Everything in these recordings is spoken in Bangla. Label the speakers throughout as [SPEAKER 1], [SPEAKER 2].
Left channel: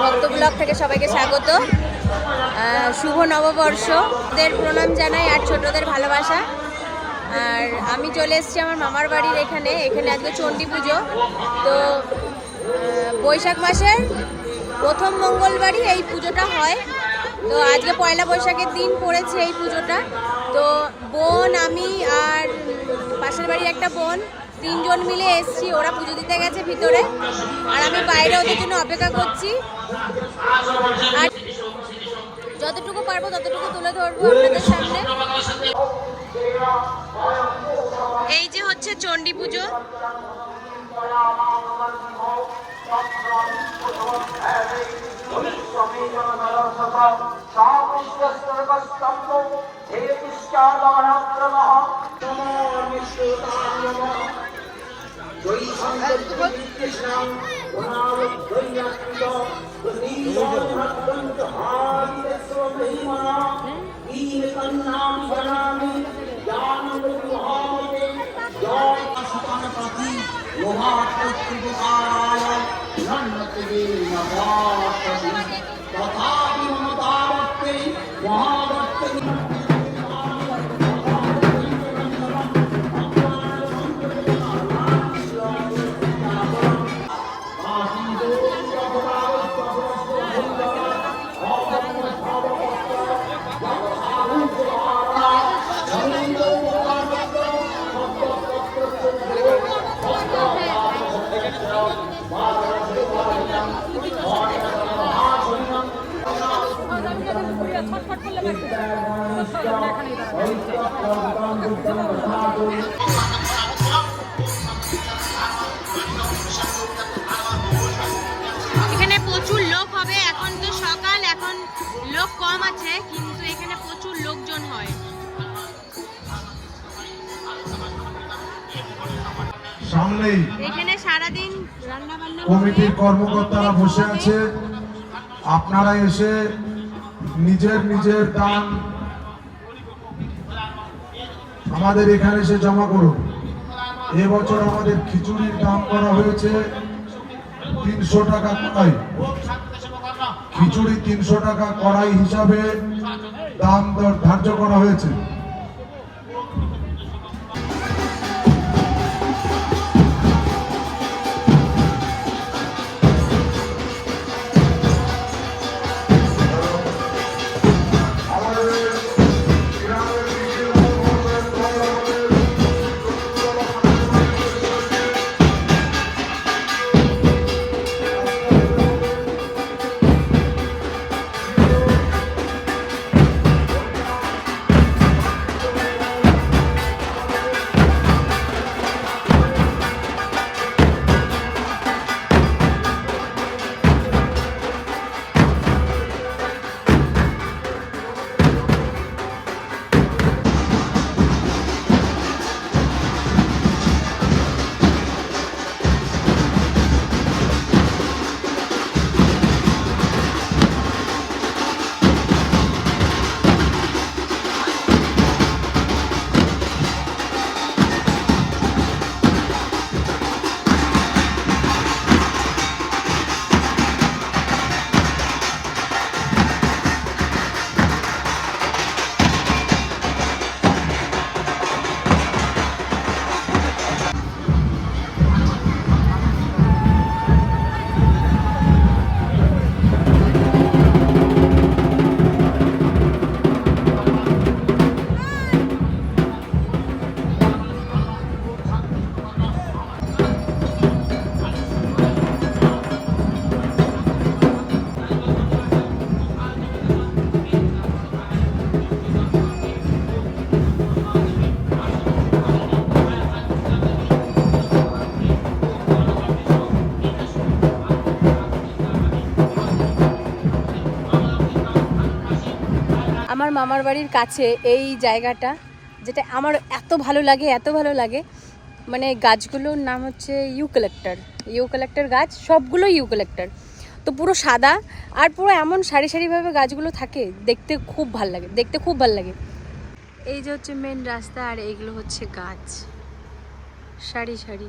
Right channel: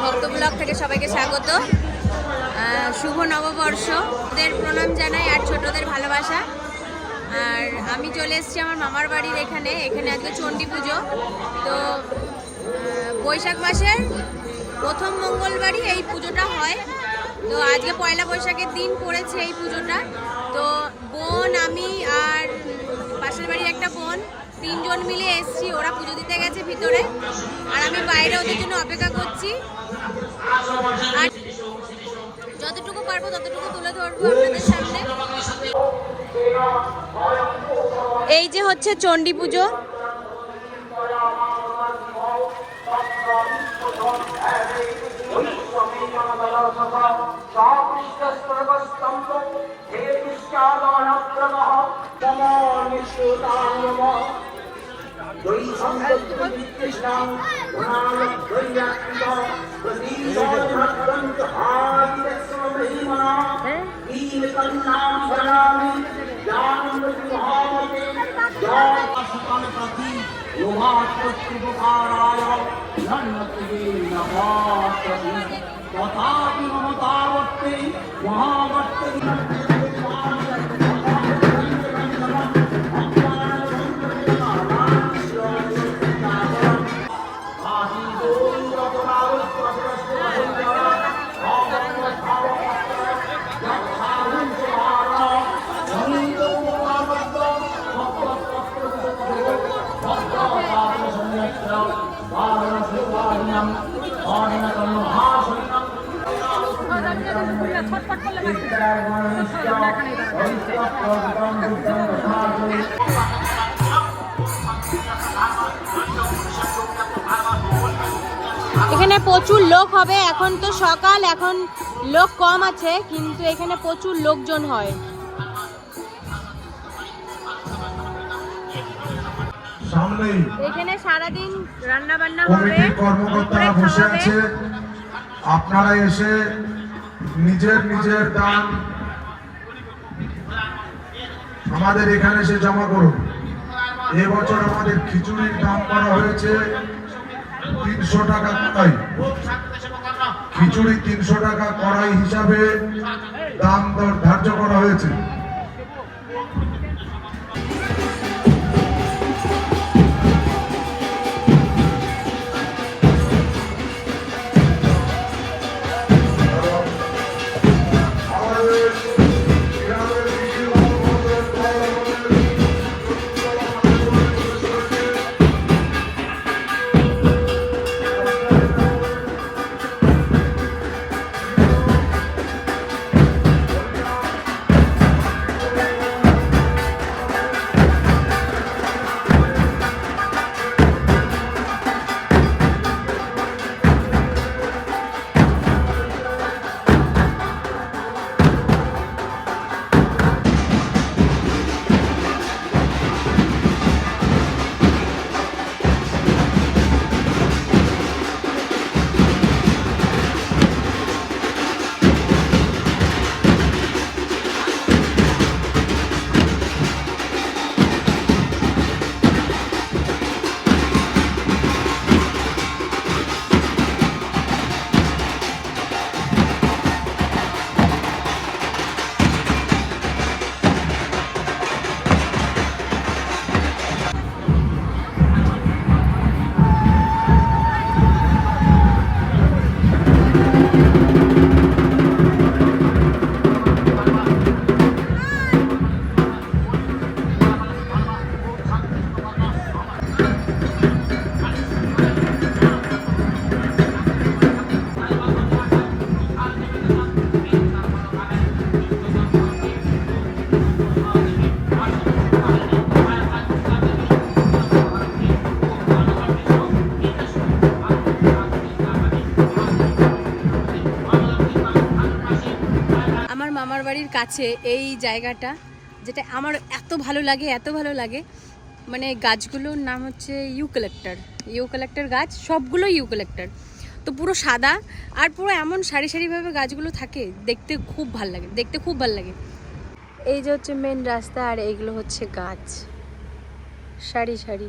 [SPEAKER 1] ভক্ত ব্লগ থেকে সবাইকে স্বাগত। শুভ নববর্ষদের প্রণাম জানাই আর ছোটদের ভালোবাসা। আর আমি চলে এসেছি আমার মামার বাড়ির এখানে এখানে আজকে চণ্ডী পুজো। তো বৈশাখ মাসের প্রথম মঙ্গলবারই এই পুজোটা হয়। তো আজকে পয়লা বৈশাখের দিন পড়েছে এই পুজোটা। তো বোন, আমি আর পাশের বাড়ির একটা বোন তিনজন মিলে এসছি, ওরা পুজো দিতে গেছে ভিতরে। আর আমি বাইরে ওদের জন্য অপেক্ষা করছি। আর যতটুকু পারব ততটুকু তুলে ধরবো আপনাদের সামনে। এই যে হচ্ছে চণ্ডী পুজো।
[SPEAKER 2] कोई संघ कृष्णा राम गंगा प्रदीप आदि स्वमहिमा नील कन्नाम सलामी ज्ञान महामते ज्ञान स्थान प्रति लोहात्मक उपकाराय नन्नत देव नभात तथा
[SPEAKER 1] এখানে প্রচুর লোক হবে, এখন তো সকাল, এখন লোক কম আছে, কিন্তু এখানে প্রচুর লোকজন হয়।
[SPEAKER 3] সামনেই
[SPEAKER 1] এখানে সারাদিন রান্না বান্না হবে
[SPEAKER 3] কর্মকর্তারা বসে আছে। আপনারা এসে নিজের নিজের দান আমাদের এখানে এসে জমা করুন। এবছর আমাদের খিচুড়ির দাম করা হয়েছে তিনশো টাকা কড়াই। খিচুড়ি তিনশো টাকা কড়াই হিসাবে দাম দর ধার্য করা হয়েছে।
[SPEAKER 1] আমার মামার বাড়ির কাছে এই জায়গাটা, যেটা আমার এত ভালো লাগে, এত ভালো লাগে মানে গাছগুলোর নাম হচ্ছে ইউ কালেক্টর ইউ কালেক্টর গাছ সবগুলো ইউ কালেক্টর তো পুরো সাদা আর পুরো এমন সারি সারিভাবে গাছগুলো থাকে, দেখতে খুব ভালো লাগে, দেখতে খুব ভালো লাগে। এই যে হচ্ছে মেন রাস্তা আর এইগুলো হচ্ছে গাছ। সারি সারি।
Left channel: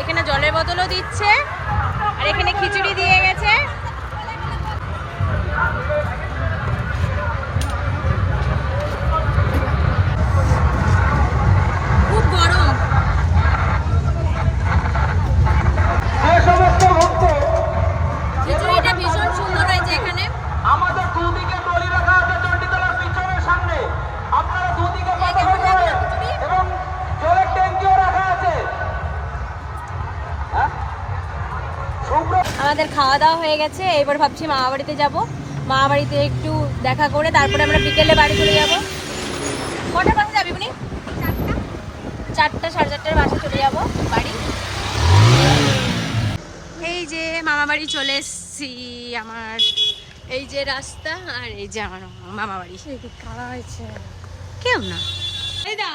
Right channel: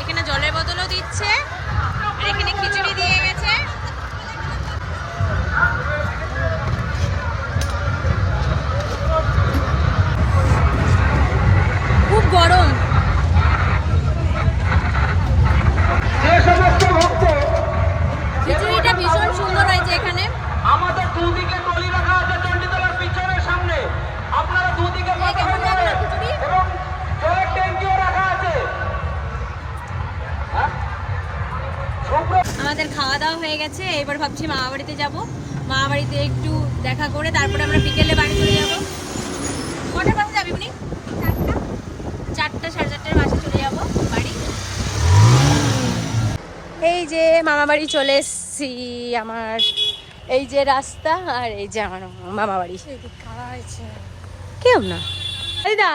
[SPEAKER 1] এখানে জলের বোতলও দিচ্ছে। আর এখানে খিচুড়ি দিয়ে গেছে। খুব গরম। আমাদের খাওয়া দাওয়া হয়ে গেছে। এবার ভাবছি মামা বাড়িতে যাব। মামা বাড়িতে একটু দেখা করে তারপরে আমরা বিকেলে বাড়ি চলে যাব। কটার বাসে যাবি উনি চারটা সাড়ে চারটার বাসে চলে যাব বাড়ি। এই যে মামা বাড়ি চলে এসছি আমার। এই যে রাস্তা আর এই যে আমার মামা বাড়ি। কেউ না। দিদা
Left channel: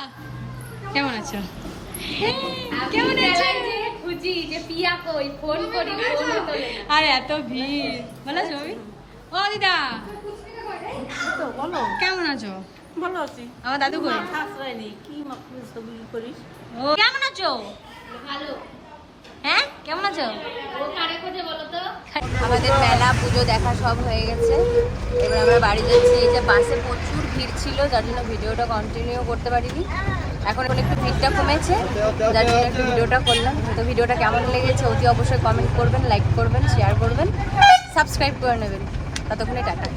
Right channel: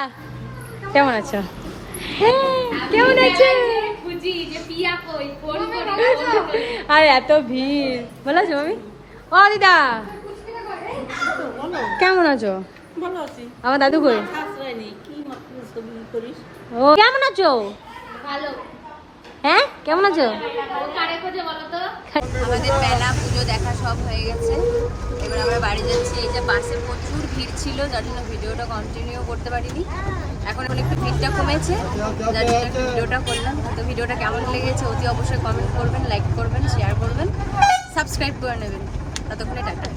[SPEAKER 1] কেমন আছো? কেমন আছো। আর এত ভিড়। ভালো আছো মামি? ও দিদা। কেমন আছো? আমার দাদু কই? ও কেমন আছো? ভালো। হ্যাঁ কেমন আছো? কারে খোঁজে বলো তো? আমাদের মেলা পুজো দেখা সব হয়ে গেছে। এবার আমরা বাড়ি যাচ্ছি। এই যে বাসে প্রচুর ভিড় ছিল যার জন্য ভিডিওটা কন্টিনিউ করতে পারিনি। এখন এখন একটু ভিড়টা কমেছে। যার জন্য একটু ভিডিওটা করলাম। তো ভিডিওটা কেমন লেগেছে অতি অবশ্যই কমেন্ট করবেন লাইক করবেন শেয়ার করবেন সাবস্ক্রাইব করে নেবেন। ততক্ষণে টাটা।